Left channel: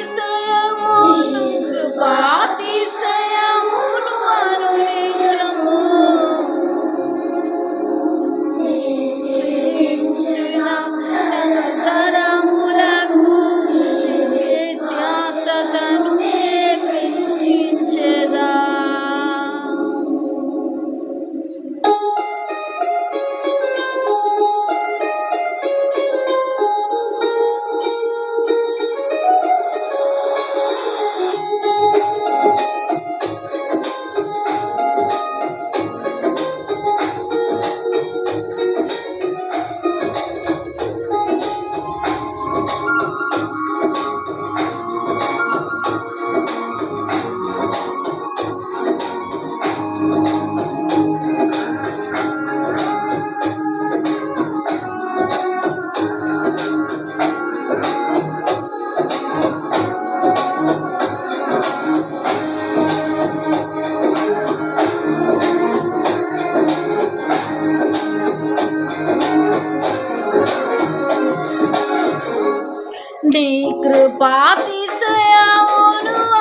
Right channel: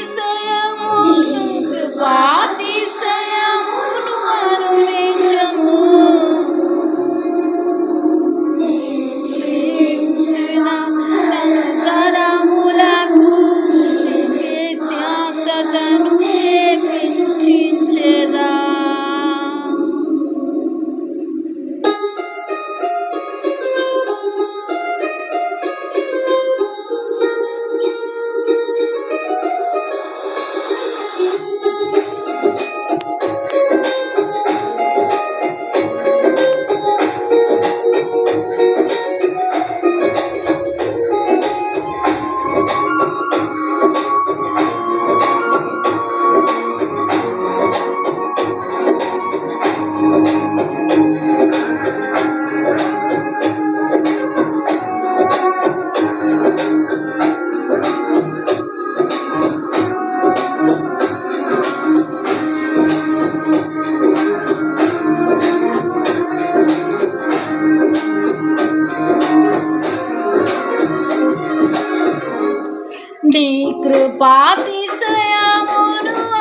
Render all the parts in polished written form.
కృపాతిశయమును కృపాతిశయమును అనునిత్యము తరములకు ధ్యాసతను నేర్పించెదా. నీ కృపాతిశయమును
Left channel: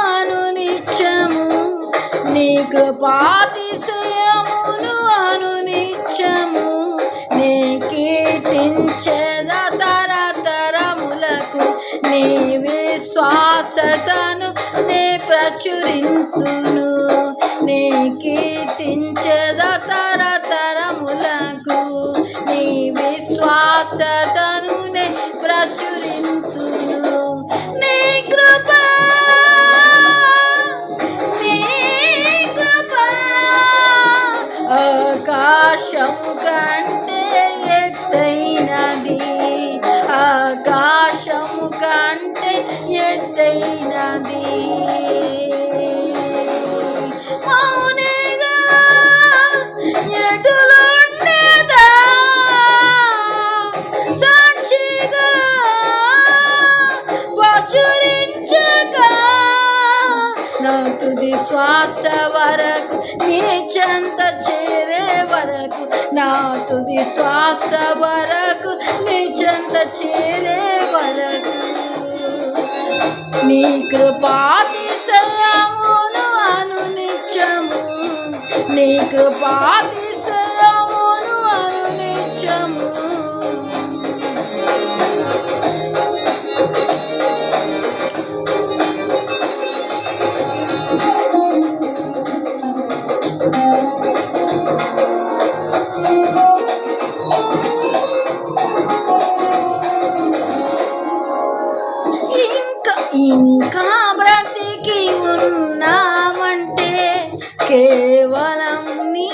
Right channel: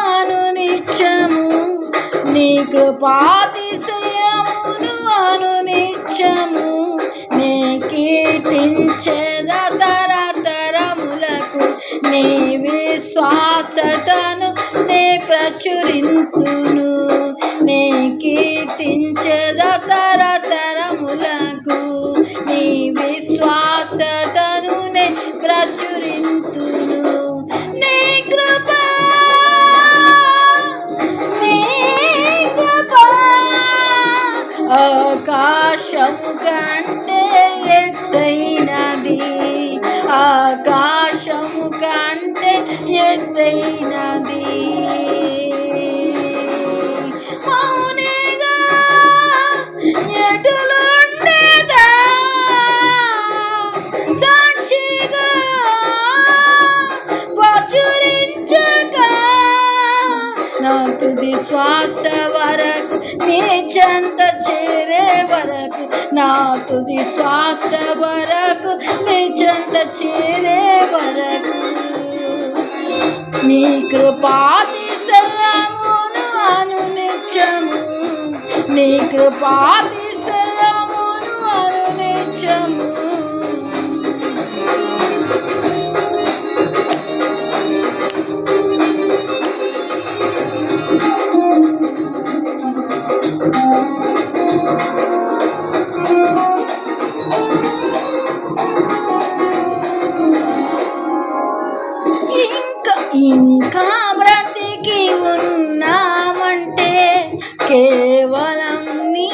అనునిత్యము నీ కృపాతిశయమును అనునిత్యము నే కీర్తించెద తరతరములకు నీ విశ్వాసతను నే ప్రచురింతును నే కీర్తించెద తరతరములకు నీ విశ్వాసతను నే ప్రచురింతును. నీ కృప ఆకాశము కంటే ఎత్తైనది ఆకాశము కంటే ఎత్తైనది మౌనిగా ఎటులుండేదా సాక్షిగా ప్రచురించగా నా తుది శ్వాస వరకు నీ చెంత చేరే వరకు నా తుది శ్వాస వరకు నీ చెంత చేరే వరకు నీ కృపాతిశయమును అనునిత్యము నీ కృపాతిశయమును అనునిత్యము ఇంకా బ్రతికి ఉన్నామంటే కేవలం నీ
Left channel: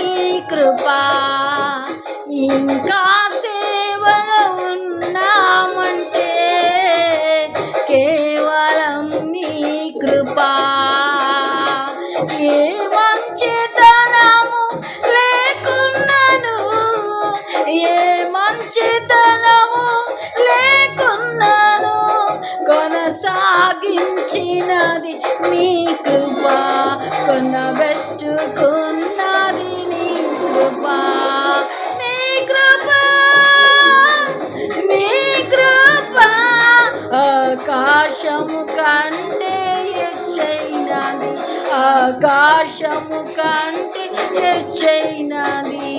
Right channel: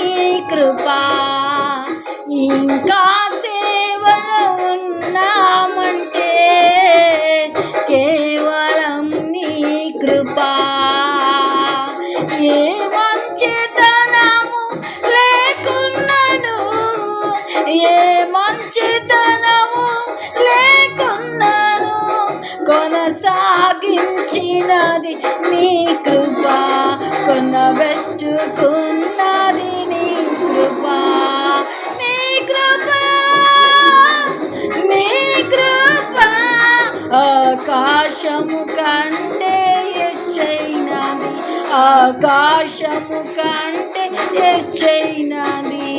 కృపా ఇంకా సేవలో ఉన్నామంటే కేవలం నీ కృపా ఏ మంచితనము లేకున్నాను ఏ మంచితనము లేకున్నాను కొనసాగించినది నీ కృప కొనబెట్టుకున్నది నీ కృప నీ కృప నీ కృప ఆకాశము కంటే ఎత్తైనది ఆకాశము కంటే ఎత్తైనది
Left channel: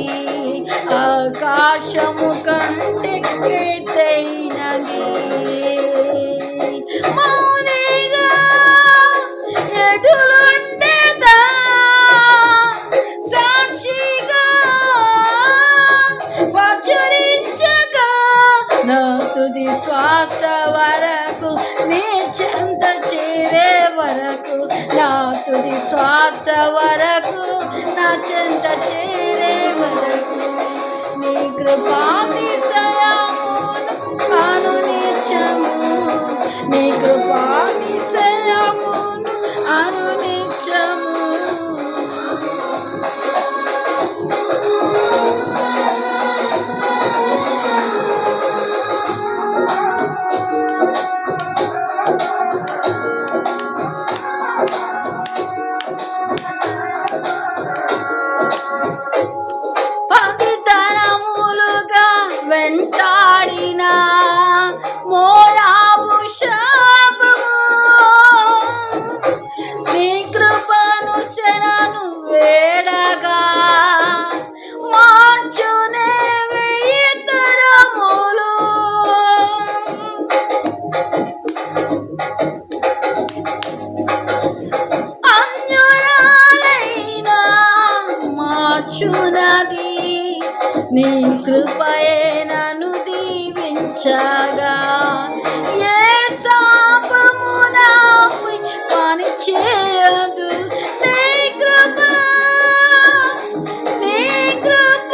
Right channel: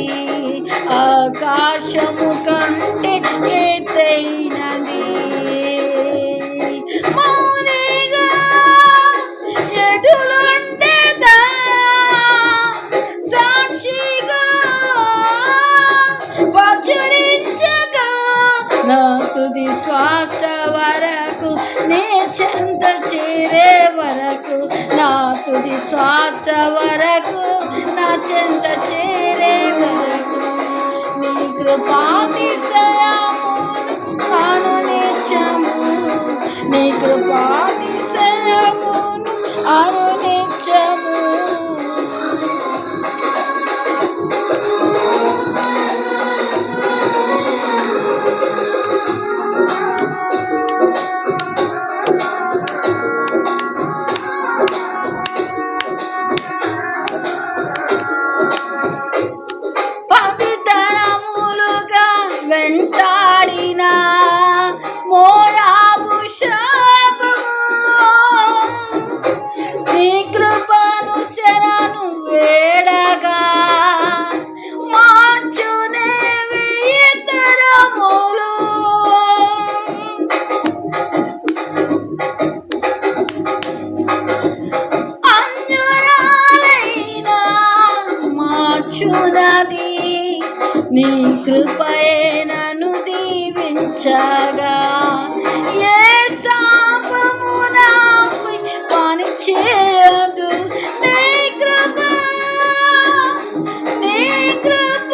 ఆకాశము కంటే ఎత్తైనది మౌనిగా ఎటులుండేదా సాక్షిగా ప్రచురించగా నా తుది శ్వాస వరకు నీ చెంత చేరే వరకు నా తుది శ్వాస వరకు నా చెంత చేరే వరకు నీ కృపాతిశయమును అనునిత్యము నీ కృపాతిశయమును అనునిత్యము వెంటాడిన మోయాబు శాపము కృపయే నన్ను దీవించగా, ఏ శాపము నాపై పని చేయదు. నీ కృప, నీ కృప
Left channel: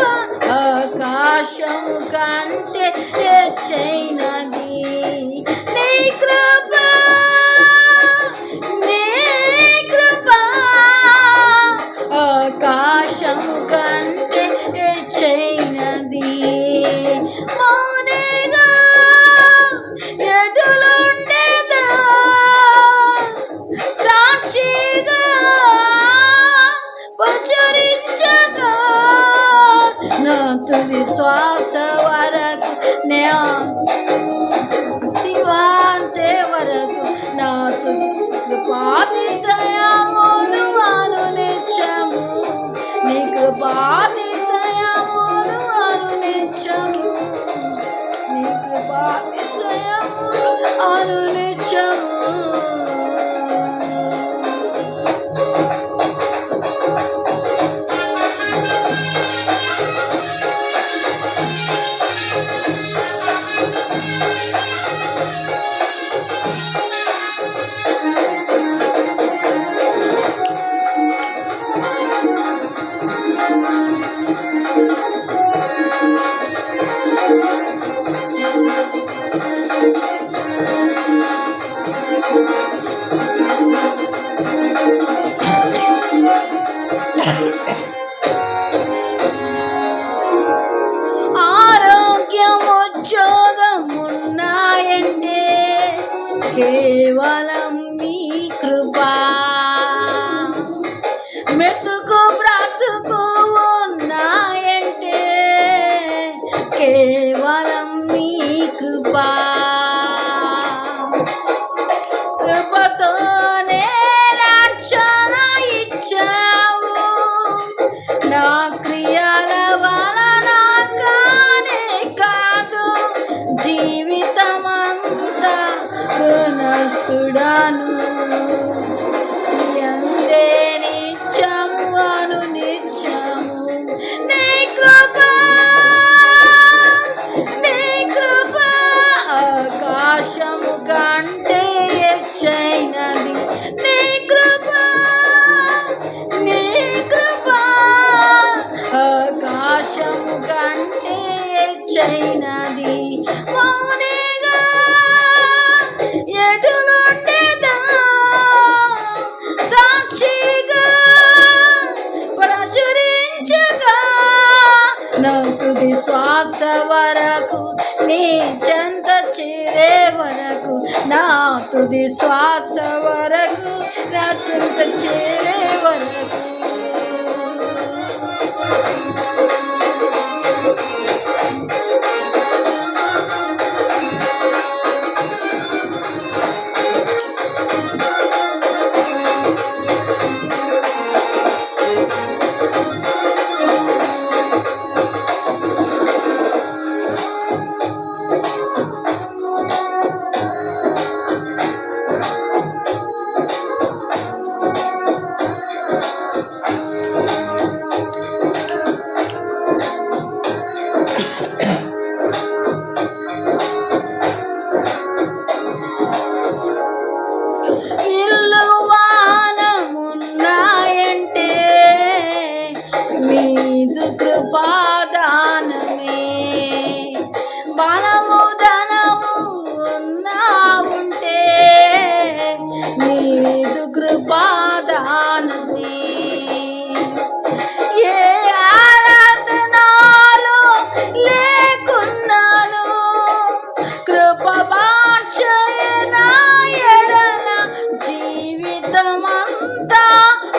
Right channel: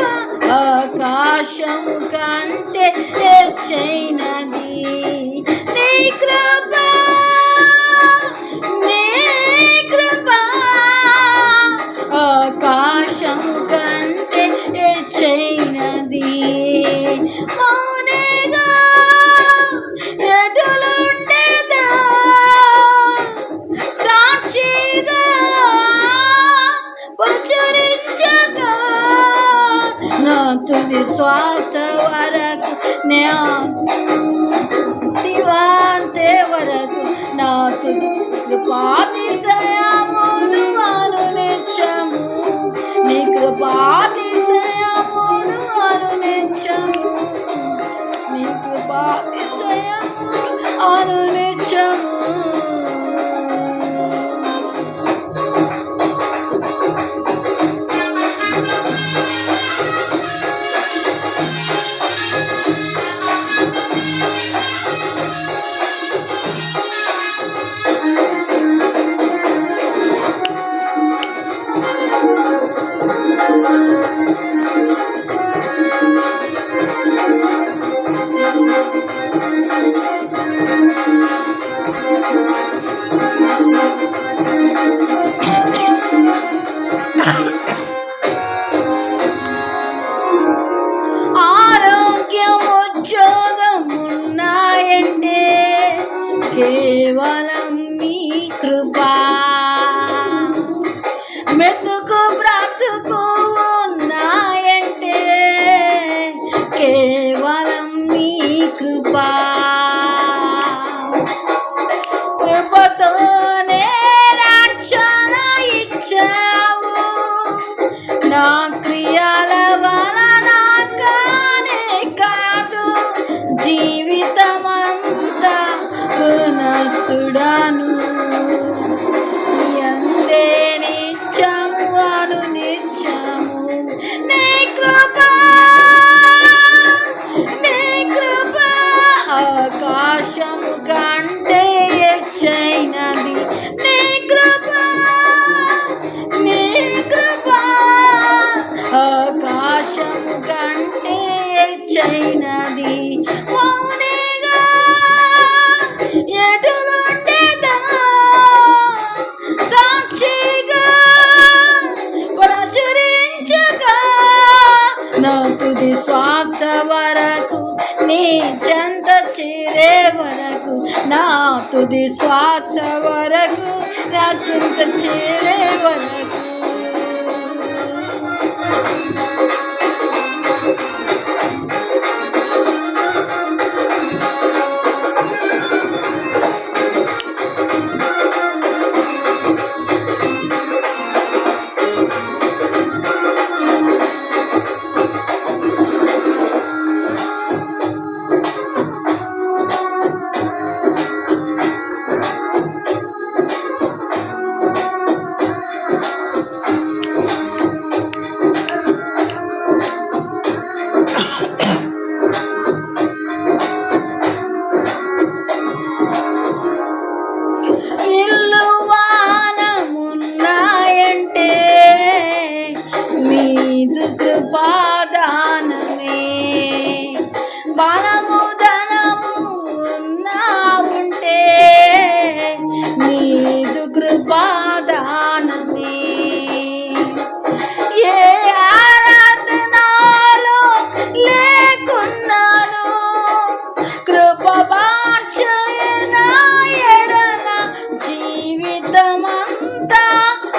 ఆకాశము కంటే హెచ్చైనది. నీ కృప, నీ కృప ఆకాశము కంటే హెచ్చైనది. మౌనిగా ఎటులుండేదా, సాక్షిగా ప్రచురించగా, నా తుది శ్వాస వరకు శివాంతే వరకు నా తుది కృపాతిశయమును అనునిత్యము, నీ కృపాతిశయమును అనునిత్యము, నీ కృపాతిశయము అనునిత్యము. ఆరోగ్యముద్యోగమున్నాయంటే కేవలం నీ కృపా, మెతుకు బ్రతుకు ఉన్నాయంటే కేవలం నీ కృపా. కృపతోనే రక్షణ ఇచ్చావు, నా క్రియల వలన కానే కాదు. జీవితమంతా గుణస్థుడను, ఎందే నిత్యము అనునిత్యము. నీ కృప, నీ కృప ఆకాశము కంటే హెచ్చైనది. నీ కృప, నీ కృప ఆకాశము కంటే హెచ్చైనది. మౌనిగా ఎటులుండేదా, సాక్షిగా ప్రచురించగా, నా తుది శ్వాస వరకు నీ చెంత చేరే వరకు, నా తుది శ్వాస వరకు నా చెంత చేరే వరకు.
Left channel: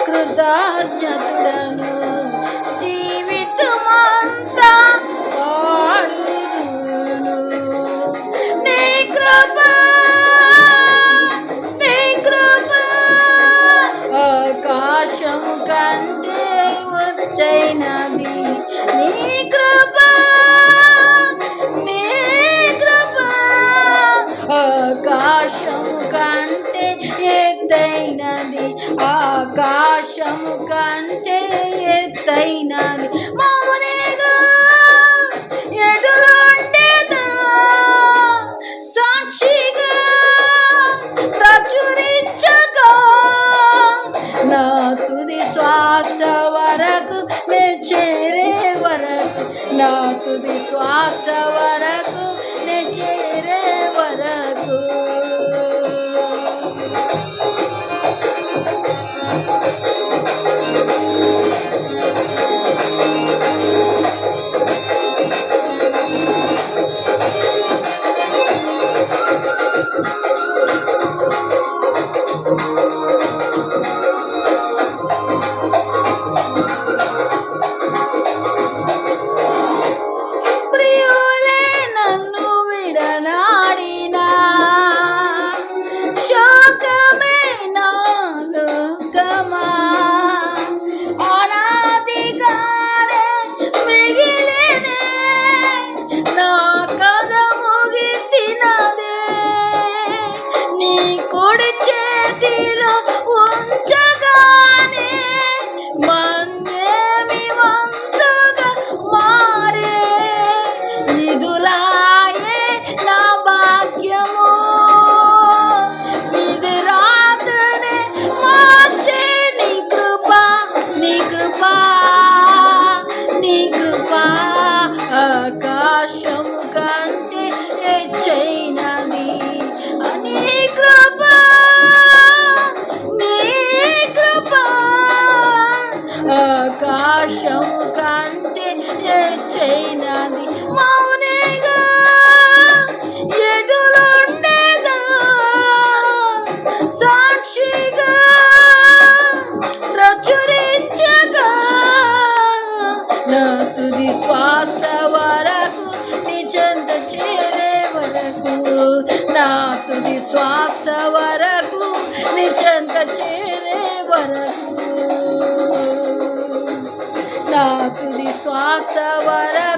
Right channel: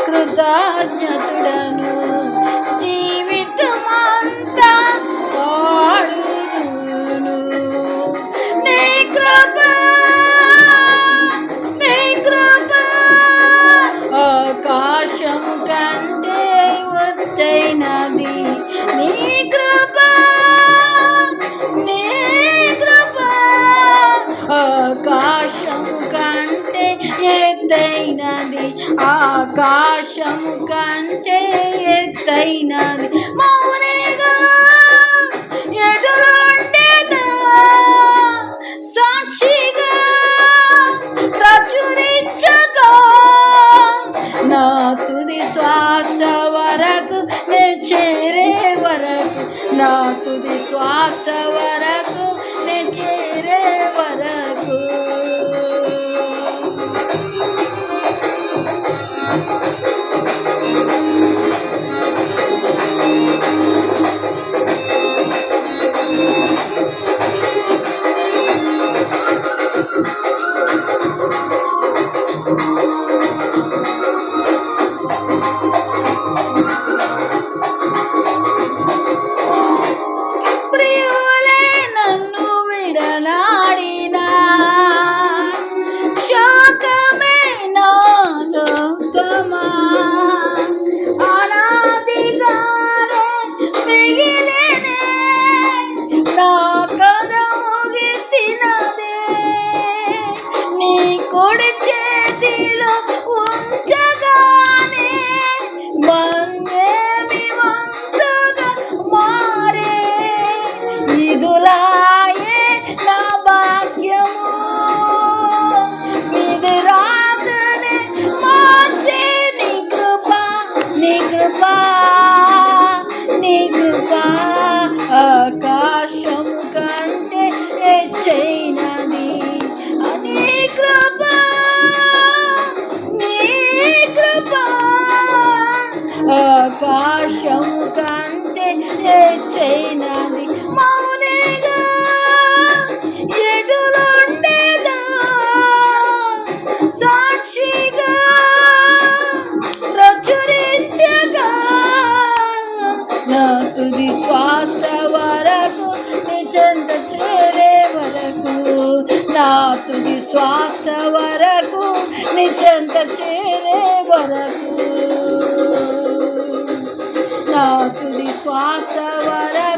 కృతజ్ఞతుడను జీవితమంతా పాడును. నీ కృప ఆకాశము కంటే ఎత్తైనది. నీ కృప ఆకాశము కంటే ఎత్తైనది. ఆకాశము కంటే ఎత్తైనది. మౌనిగా శ్వాస వరకు నే చేరే వరకు. ప్రియులే నన్ను విడనాడినా, శోకమే నా లోకమా, అనాదిగానే మిగిలినే నా కథ ముగిసినదే. నీ కుడి చేతిలో ఉంచగానే మన్యేమి వంతుగా మారే. విధులాయే నా భాగ్యము, విధి రాతనే మార్చే నీ కృప, నీ కృప, నీ కృప. ఆకాశము కంటే హెచ్చైనది నీ కృప, నీ కృప. ఆకాశము కంటే హెచ్చైనది. మౌనిగా ఎదురుండేదా, సాక్షిగా ప్రచురించగా, నా తుది శ్వాస వరకు నీ చెంత చేరే వరకు, నా తుది శ్వాస వరకు నీ చెంత చేరే వరకు, నా తుది శ్వాస వరకు